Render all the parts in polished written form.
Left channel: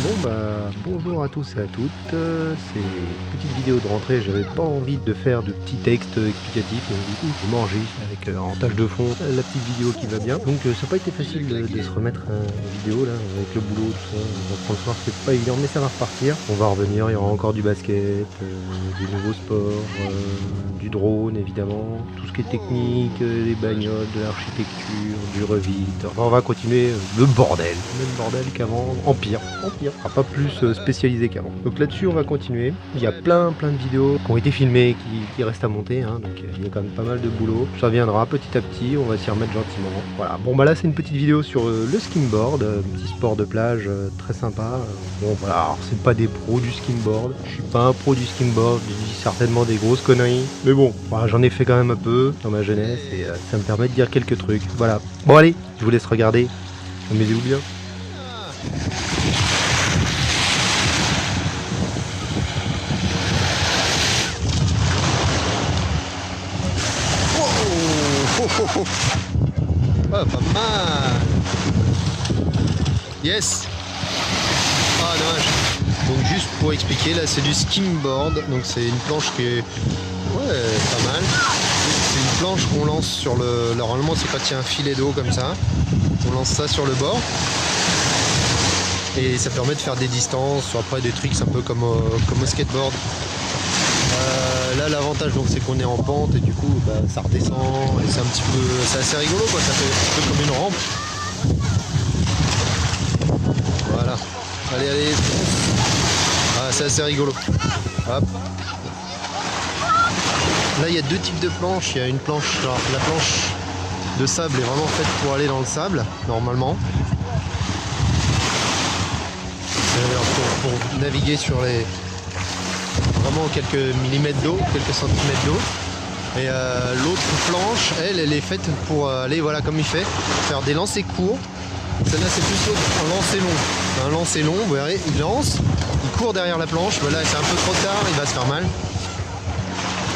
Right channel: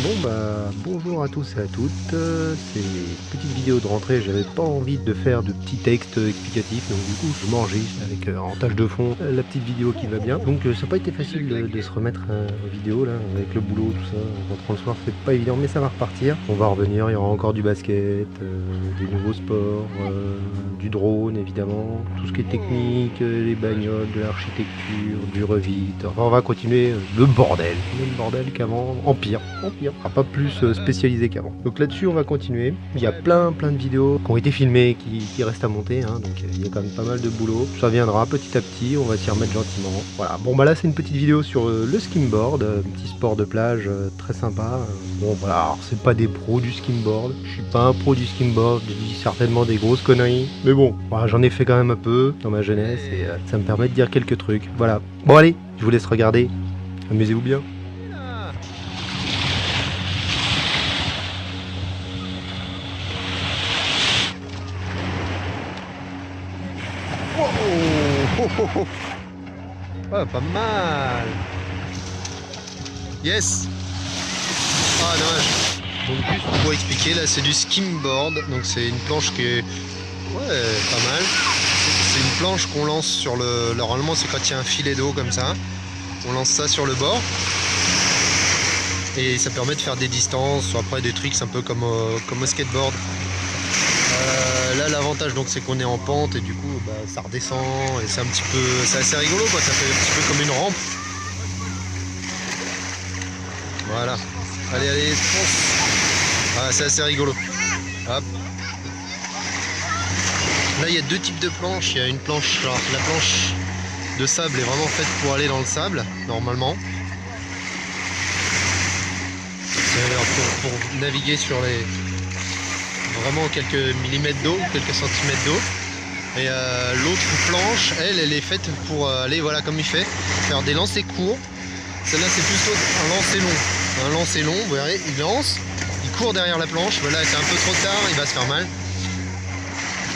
Bon bah bonjour à tous et à toutes, c'est une petite vidéo de rentrée, j'avais pas envie de faire de petits textes explicatifs, donc du coup je m'enregistre avec en tâche de fond la petite vidéo qui va bien. Donc ça n'a pas été facile de se remettre en vidéo là, avec le boulot, tout ça, rentrant le soir c'est pas évident, mais ça va repartir. On va revenir, il y aura encore du basket, des nouveaux sports, du drone évidemment, tout ce qui est technique, les bagnoles, de l'architecture, du Revit, enfin on va continuer le bordel, même bordel qu'avant, en pire, pas plus spécialisé qu'avant. Donc là-dessus on va continuer, il y a plein de vidéos qui ont été filmées, qui restent à monter, hein, donc il y a quand même pas mal de boulot, ça viendra petit à petit, on va s'y remettre gentiment. Voilà, bon bah là c'est une petite vidéo sur le skimboard, un petit sport de plage très sympa. Bon voilà, alors c'est pas des pros du skimboard, je suis pas un pro du skimboard, je dis certainement des grosses conneries, mais bon, voilà, j'en ai fait quand même un peu dans ma jeunesse et ça me permet de dire quelques trucs, voilà. Bon allez, je vous laisse regarder, amusez-vous bien. Oh, ah, pas mal. Yes. Ah, dommage. Donc juste pour expliquer, là c'est du skimboard. Donc c'est une planche qui est pas mal. C'est une planche qu'on lance sur le... Normalement c'est quand il y a un filet d'eau comme ça. On lance ça sur le bord. Et ça permet de faire des distances, ou après des tricks un peu comme au skateboard. Là l'avantage donc c'est qu'on est en pente et du coup bah, ça redescend et c'est un petit peu, c'est assez rigolo quoi, ça fait un petit peu comme une rampe. Voilà, allez fonce. Ah, c'est assez rigolo. Hop. Là il y a deux types de planches, il y a une planche, alors, la planche de sable est vraiment faite pour aller dans le sable normalement. Pour naviguer sur les vraiment quelques millimètres d'eau, quelques centimètres d'eau. Et l'autre planche, elle est faite pour aller, voilà, comme il fait, faire des lancers courts. Celle-là, c'est plutôt un lancer long. Un lancer long, vous verrez, il lance, il court derrière la planche. Là, c'est un peu trop tard, il va se faire mal.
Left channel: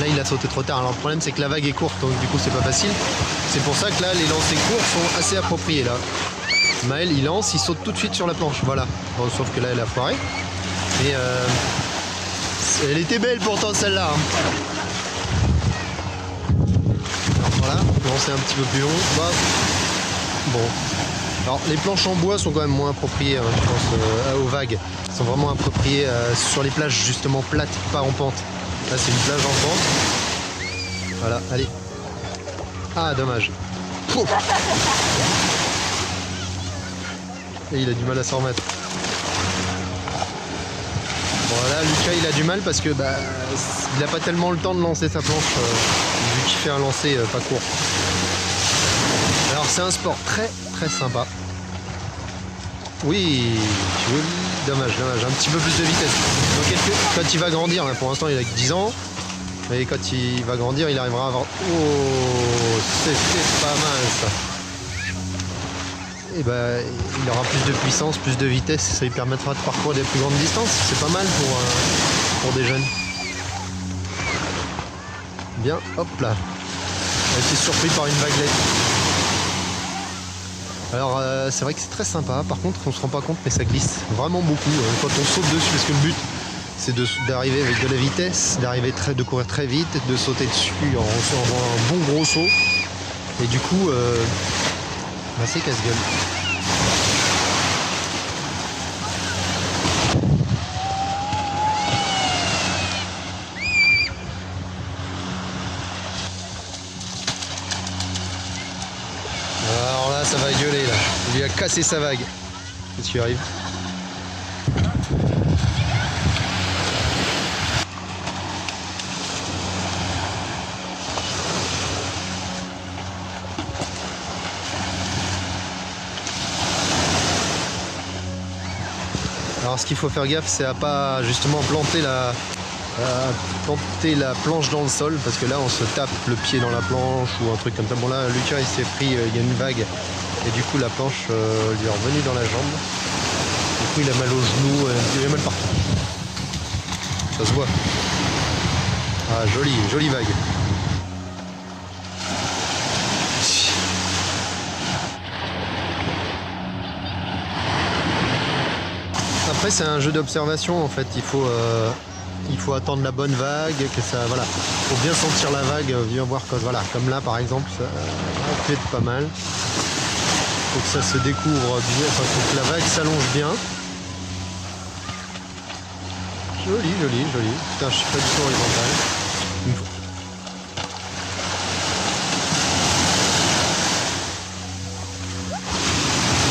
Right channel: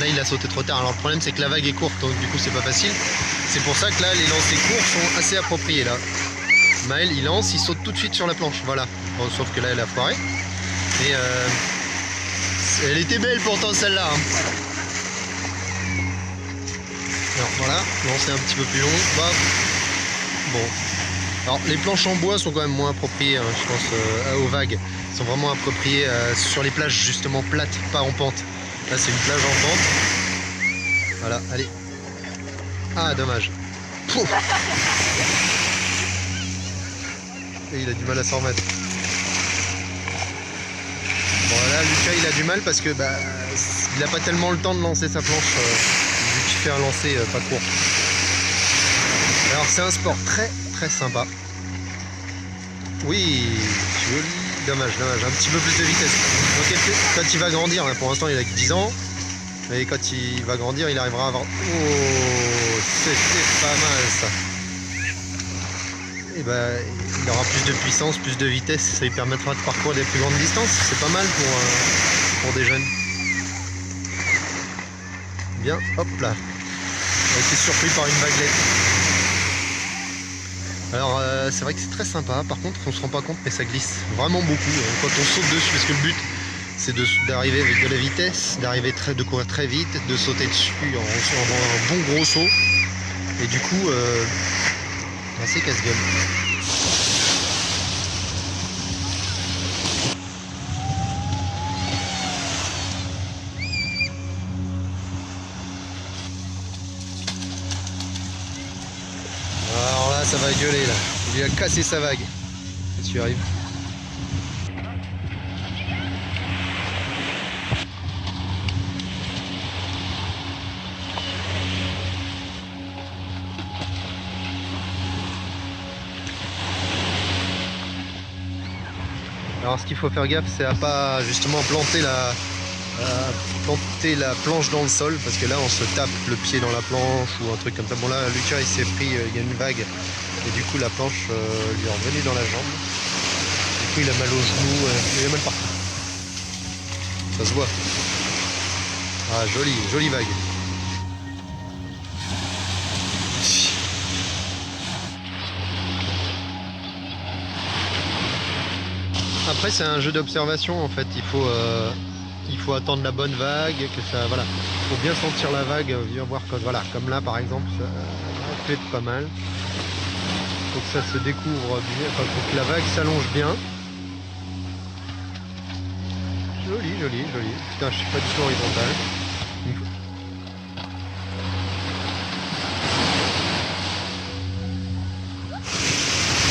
Là, il a sauté trop tard. Alors, le problème, c'est que la vague est courte, donc du coup, c'est pas facile. C'est pour ça que là, les lancers courts sont assez appropriés. Là, Maël, il lance, il saute tout de suite sur la planche. Voilà. Bon, sauf que là, elle a foiré. Mais elle était belle pourtant, celle-là. Hein. Alors voilà, lancer un petit peu plus long. Bah, bon. Alors les planches en bois sont quand même moins appropriées, hein, je pense, aux vagues. Elles sont vraiment appropriées sur les plages justement plates, pas en pente. Là c'est une plage en pente. Voilà, allez. Ah dommage. Pouf. Et il a du mal à s'en remettre. Bon là Lucas il a du mal parce que bah, il n'a pas tellement le temps de lancer sa planche vu qu'il fait un lancer pas court. Alors c'est un sport très sympa. Oui, joli, dommage, un petit peu plus de vitesse. Donc quand il va grandir, là, pour l'instant il a que 10 ans, mais quand il va grandir il arrivera à avoir... Oh, c'était pas mal ça. Et ben il aura plus de puissance, plus de vitesse, ça lui permettra de parcourir des plus grandes distances. C'est pas mal pour des jeunes. Bien, hop là. Il a été surpris par une vaguelette. Alors c'est vrai que c'est très sympa, par contre on se rend pas compte mais ça glisse vraiment beaucoup quand on saute dessus, parce que le but c'est d'arriver avec de la vitesse, de courir très vite, de sauter dessus en recevant un bon gros saut, et du coup bah, c'est casse-gueule. Alors là ça va gueuler là, il lui a cassé sa vague. Qu'est-ce qui arrive? Alors ce qu'il faut faire gaffe c'est à pas justement planter la planche dans le sol, parce que là on se tape le pied dans la planche ou un truc comme ça. Bon là Lucas il s'est pris, il y a une vague et du coup la planche lui est revenue dans la jambe. Du coup il a mal au genou, il a mal partout. Ça se voit. Ah jolie vague. Ah Après c'est un jeu d'observation en fait, il faut attendre la bonne vague, que ça, voilà, faut bien sentir la vague, bien voir que, voilà, comme là par exemple, ça fait pas mal. Faut que ça se découvre bien, enfin, faut que la vague s'allonge bien. Joli, joli, joli. Putain, je suis pas du tout horizontal.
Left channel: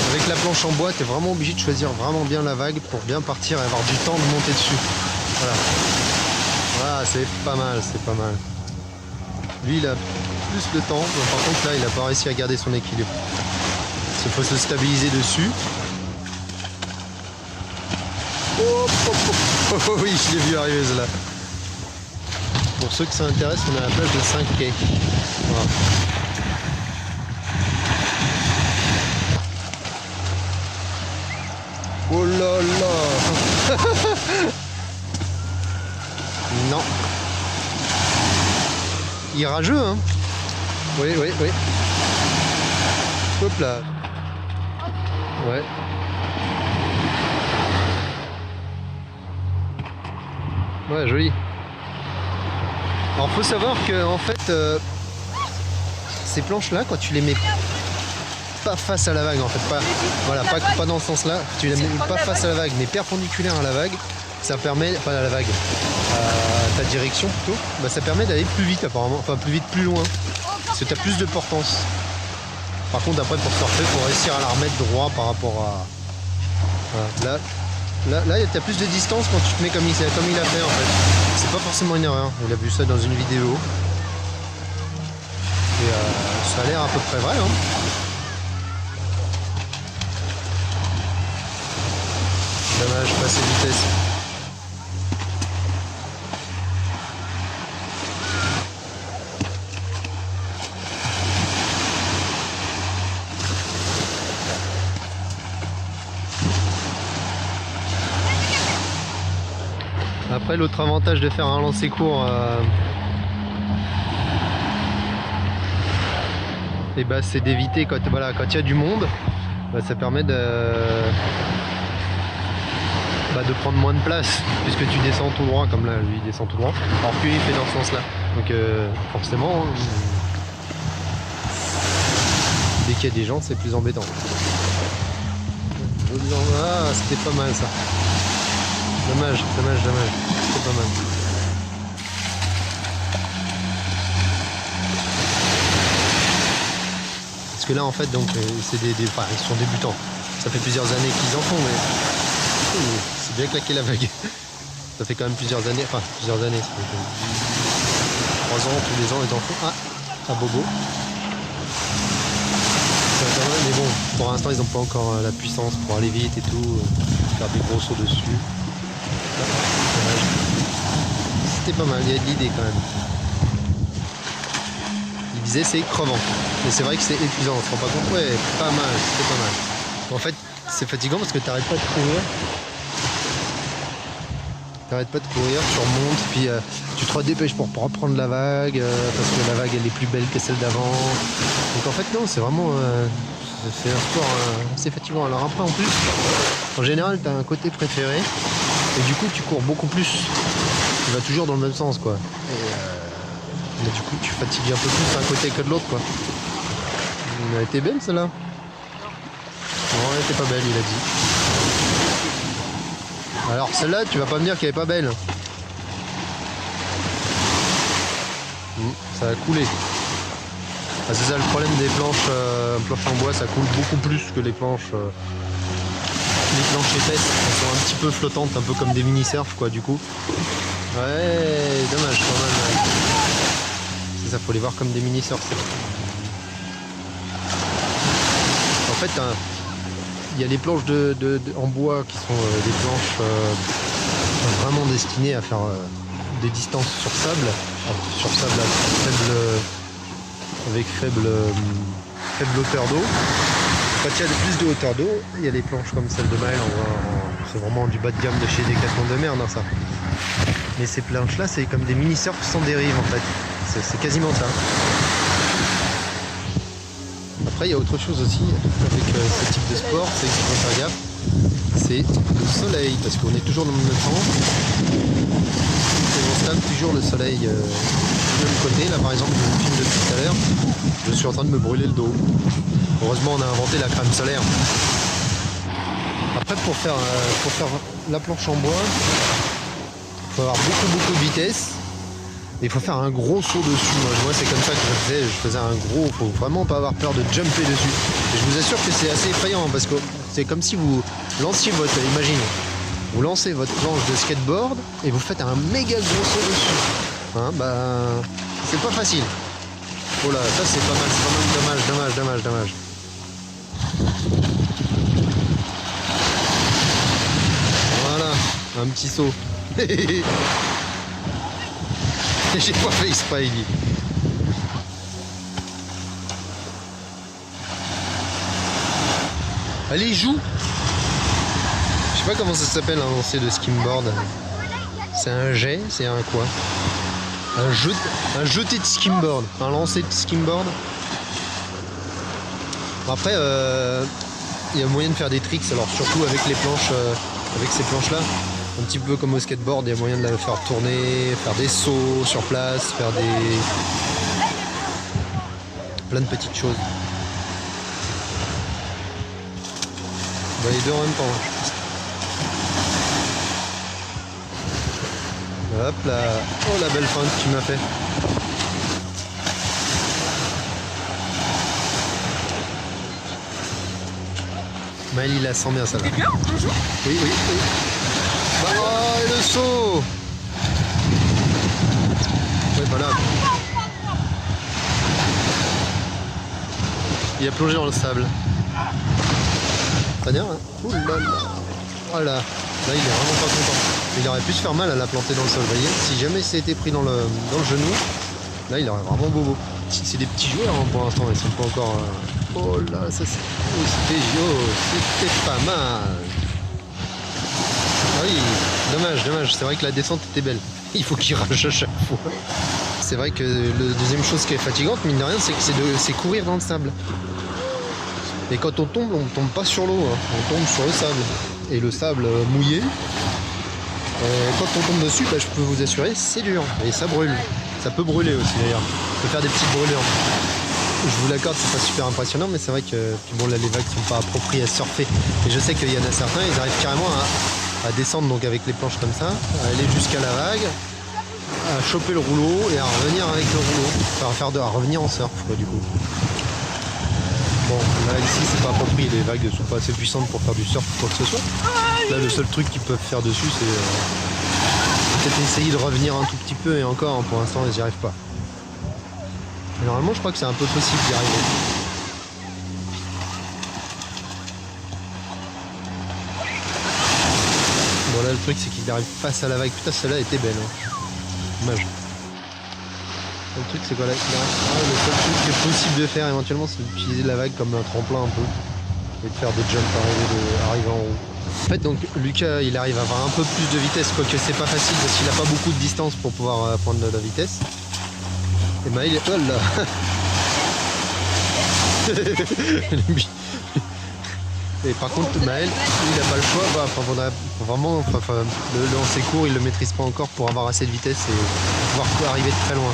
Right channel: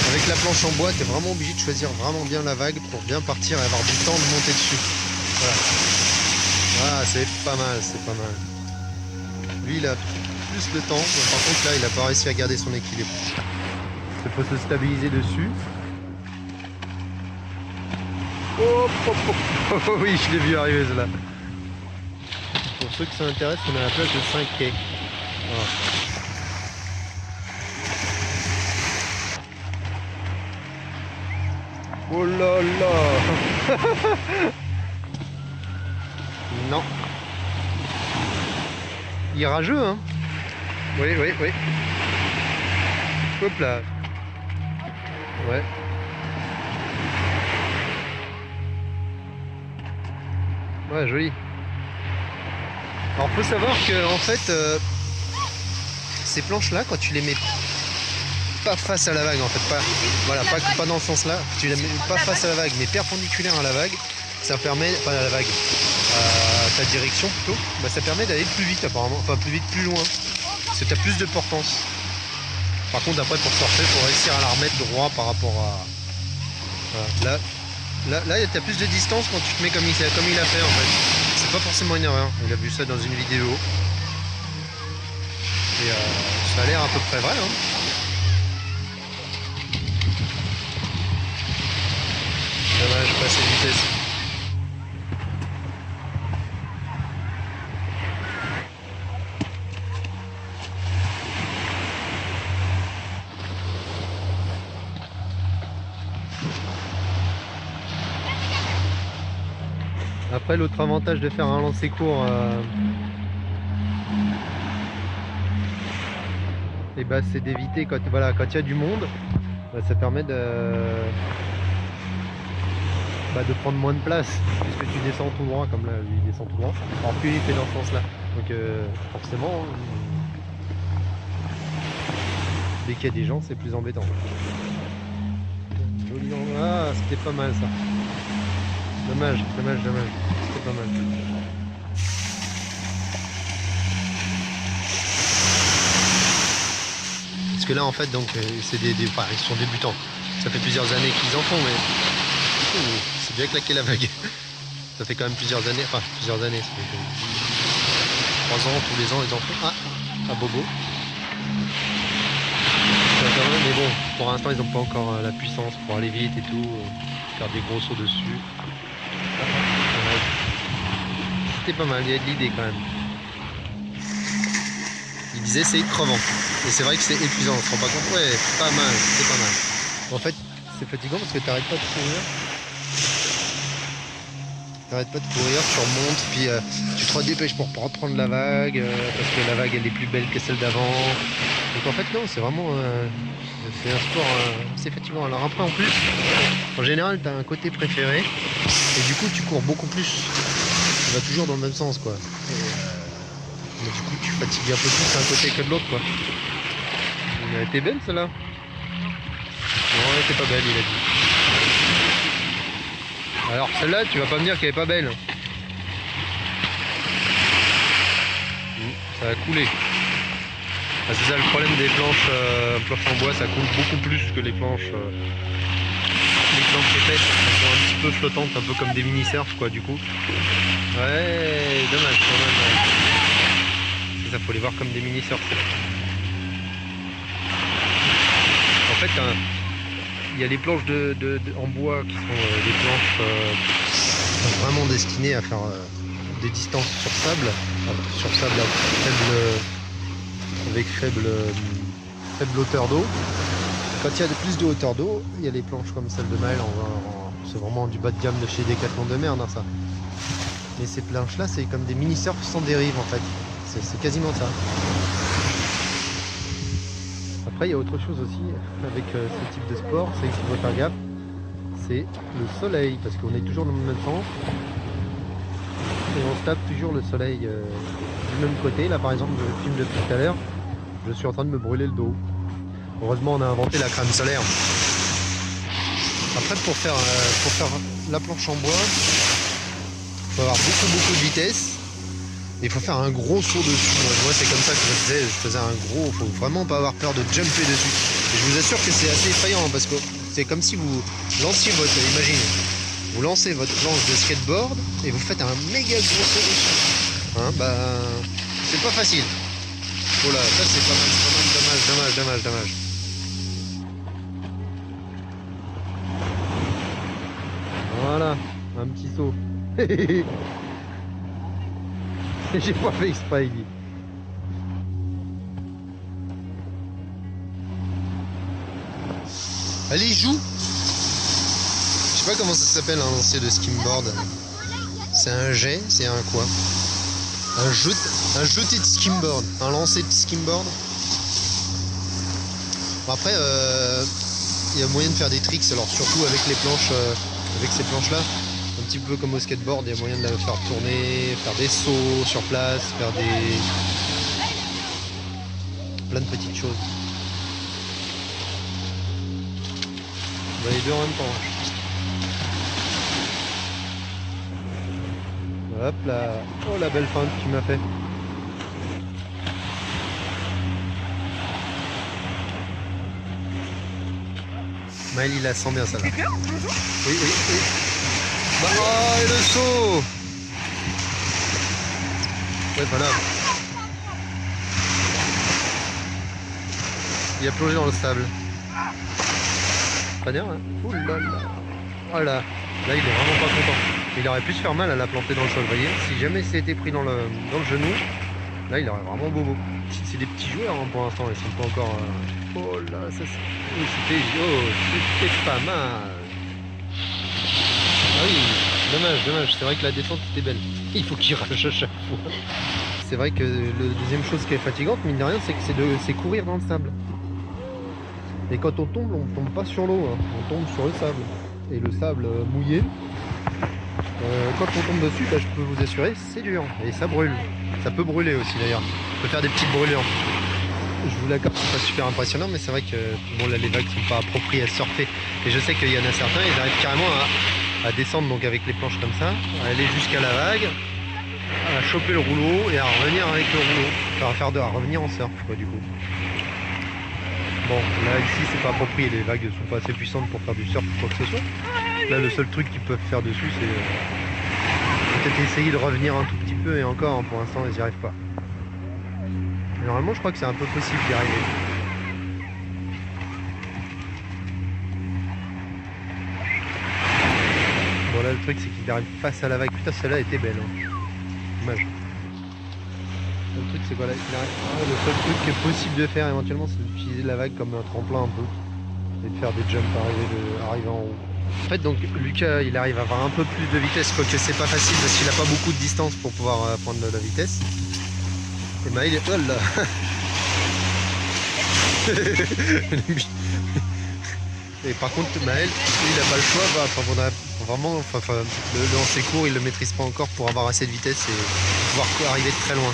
Avec la planche en bois, tu es vraiment obligé de choisir vraiment bien la vague pour bien partir et avoir du temps de monter dessus. Voilà. Voilà, c'est pas mal, c'est pas mal. Lui, il a plus de temps. Par contre, là, il a pas réussi à garder son équilibre. Il faut se stabiliser dessus. Oh, oh, oh, oh, oh, oui, je l'ai vu arriver celle-là. Pour ceux que ça intéresse, on est à la plage de 5 quais. Voilà. Oh là là. Non. Il est rageux, hein. Oui, oui, oui. Hop là. Ouais. Ouais, joli. Alors faut savoir que en fait ces planches là, quand tu les mets pas face à la vague, en fait, pas, voilà, pas dans ce sens là, tu les mets pas face à la vague mais perpendiculaire à la vague, ça permet, enfin à la vague, à ta direction plutôt, bah, ça permet d'aller plus vite apparemment, enfin plus vite, plus loin, parce que tu as plus de portance. Par contre après pour surfer, il faut réussir à la remettre droit par rapport à... Voilà. Là, tu as plus de distance quand tu te mets comme il a fait en fait. C'est pas forcément une erreur. Il a vu ça dans une vidéo. Et ça a l'air à peu près vrai. Hein. Dommage, passer de vitesse. Après, l'autre avantage de faire un lancer court, et bah, c'est d'éviter quand voilà, quand il y a du monde, bah, ça permet de prendre moins de place puisque tu descends tout droit, comme là lui il descend tout droit, alors que lui il fait dans ce sens là, donc forcément hein, dès qu'il y a des gens c'est plus embêtant. Ah, c'était pas mal ça. Dommage, dommage, dommage. C'était pas mal. Parce que là en fait donc c'est enfin, ils sont débutants. Ça fait plusieurs années qu'ils en font mais c'est bien claqué la vague. Ça fait quand même plusieurs années, enfin plusieurs années. 3 ans, tous les ans ils en font. Ah, à Bobo. Mais bon, pour l'instant ils n'ont pas encore la puissance pour aller vite et tout, faire des gros sauts dessus. C'était pas mal, il y a de l'idée quand même. Il disait c'est crevant. Et c'est vrai que c'est épuisant, on se rend pas compte. Ouais, pas mal, c'est pas mal. En fait, c'est fatigant parce que tu n'arrêtes pas de courir. T'arrêtes pas de courir, tu remontes, puis tu te redépêches pour reprendre la vague, parce que la vague elle est plus belle que celle d'avant. Donc en fait non, c'est vraiment c'est un sport assez fatigant. Alors après en plus, en général tu as un côté préféré, et du coup tu cours beaucoup plus. Tu vas toujours dans le même sens quoi. Et, mais du coup tu fatigues un peu plus d'un côté que de l'autre quoi. Elle a été belle celle-là? Non, elle était pas belle, il a dit. Alors celle-là, tu vas pas me dire qu'elle est pas belle. Ça a coulé. Ah, c'est ça le problème des planches en bois, ça coule beaucoup plus que les planches épaisses. Elles sont un petit peu flottantes, un peu comme des mini-surf quoi du coup. Ouais, dommage quand même. Ouais. C'est ça, faut les voir comme des mini-surf. En fait, il y a les planches en bois qui sont des planches vraiment destinées à faire des distances sur sable avec faible hauteur d'eau. Quand il y a plus de hauteur d'eau, il y a les planches comme celle de Maël, c'est vraiment du bas de gamme de chez Decathlon de merde hein, ça. Mais ces planches là c'est comme des mini-surf sans dérive en fait, c'est quasiment ça. Après il y a autre chose aussi avec ce type de sport, c'est qu'il faut faire gaffe. c'est le soleil, parce qu'on est toujours dans le même temps. Et on se tape toujours le soleil du même côté. Là par exemple, je filme depuis tout à l'heure, je suis en train de me brûler le dos. Heureusement on a inventé la crème solaire. Après pour faire la planche en bois, il faut avoir beaucoup de vitesse. Il faut faire un gros saut dessus. Moi c'est comme ça que je faisais un gros, faut vraiment pas avoir peur de jumper dessus. Et je vous assure que c'est assez effrayant parce que c'est comme si vous lanciez imaginez, vous lancez votre planche de skateboard et vous faites un méga gros saut dessus. Hein, bah c'est pas facile. Oh là, ça c'est pas mal, dommage. Voilà, un petit saut. J'ai pas fait exprès, il dit. Allez, joue. Je sais pas comment ça s'appelle un lancer de skimboard. C'est un jet, c'est un quoi? Un jeté de skimboard. Un lancer de skimboard. Bon, après, il y a moyen de faire des tricks, alors surtout avec les planches, avec ces planches là. Un petit peu comme au skateboard, il y a moyen de la faire tourner, faire des sauts sur place, faire plein de petites choses. Bah, les deux en même temps. Hop là. Oh la belle feinte que tu m'as fait. Maël il la sent bien ça là. Oui. Bah, oh, et le saut. Ouais, voilà. Il a plongé dans le sable. Pas bien, hein. Ouh là là. Voilà. Là, il est vraiment pas content. Il aurait pu se faire mal à la planter dans le sol, vous voyez. Si jamais c'était pris dans le genou, là, il aurait vraiment bobo. C'est des petits joueurs hein, pour l'instant, ils sont pas encore... Oh là, ça c'est... Oui, c'était pas mal. Ah oui, dommage. C'est vrai que la descente était belle. Il faut qu'il rage à chaque fois. C'est vrai que la deuxième chose qui est fatigante, mine de rien, c'est que c'est courir dans le sable. Et quand on tombe pas sur l'eau, hein. On tombe sur le sable. Et le sable mouillé, quand on tombe dessus, bah, je peux vous assurer, c'est dur. Et ça brûle. Ça peut brûler aussi d'ailleurs. Ça peut faire des petites brûlures. Je vous l'accorde, c'est pas super impressionnant, mais c'est vrai que bon, là, les vagues sont pas appropriées à surfer. Et je sais qu'il y en a certains, ils arrivent carrément à descendre donc avec les planches comme ça, à aller jusqu'à la vague, à choper le rouleau et à revenir avec le rouleau. Enfin, à revenir en surf, quoi, du coup. Bon, là, ici, c'est pas approprié. Les vagues sont pas assez puissantes pour faire du surf ou quoi que ce soit. Là, le seul truc qu'ils peuvent faire dessus, c'est peut-être essayer de revenir un tout petit peu. Et encore, hein, pour l'instant, ils n'y arrivent pas. Et normalement, je crois que c'est un peu possible d'y arriver. Bon, là, le truc, c'est qu'il arrive face à la vague. Putain, celle-là était belle. Hein. Dommage. Le truc, c'est quoi là? Le seul truc qui est possible de faire éventuellement, c'est d'utiliser la vague comme un tremplin un peu. Et de faire des jumps arriver en haut. En fait, donc, Lucas, il arrive à avoir un peu plus de vitesse, quoique c'est pas facile parce qu'il n'a pas beaucoup de distance pour pouvoir prendre de la vitesse. Et Maël, oh là. Et par contre Maël, lui, il n'a pas le choix, le lancer court, il le maîtrise pas encore pour avoir assez de vitesse et pouvoir arriver de très loin.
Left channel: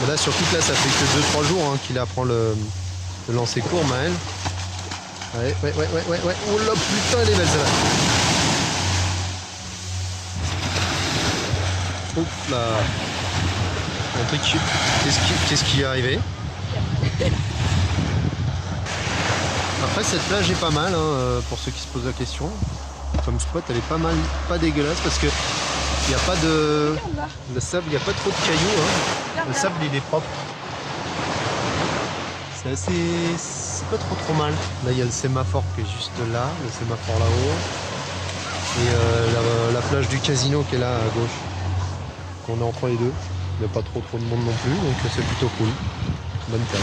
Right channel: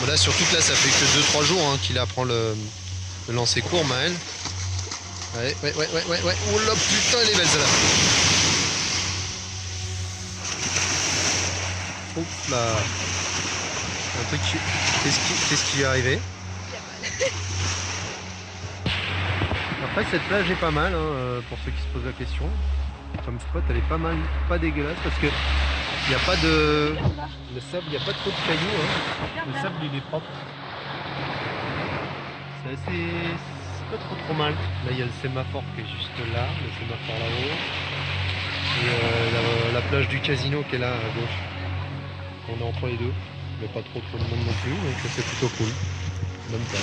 Bon là surtout que là ça fait que 2-3 jours hein, qu'il apprend le lancer court Maël. Ouais. Oh là putain elle est belle celle-là. Hop là. Un truc. Qu'est-ce qui est arrivé? Après cette plage est pas mal hein, pour ceux qui se posent la question. Comme spot elle est pas dégueulasse parce que il n'y a pas de. Le sable, il n'y a pas trop de cailloux. Hein. Le sable il est propre. C'est assez. C'est pas trop mal. Là il y a le sémaphore qui est juste là, le sémaphore là-haut. Et la plage du casino qui est là à gauche. On est entre les deux. Il n'y a pas trop de monde non plus, donc c'est plutôt cool. Bonne plage.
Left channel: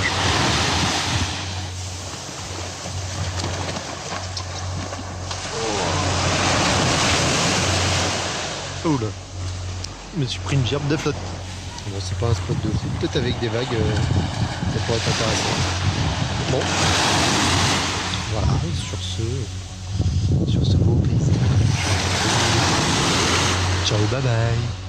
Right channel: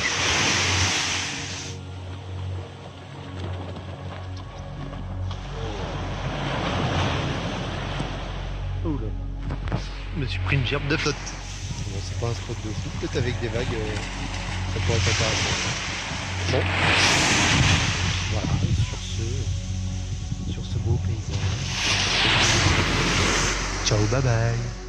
Oh là. me suis pris une gerbe de flotte. Bon, c'est pas un spot de fou, peut-être avec des vagues, ça pourrait être intéressant. Bon, voilà, sur ce beau paysage. Ciao, bye bye.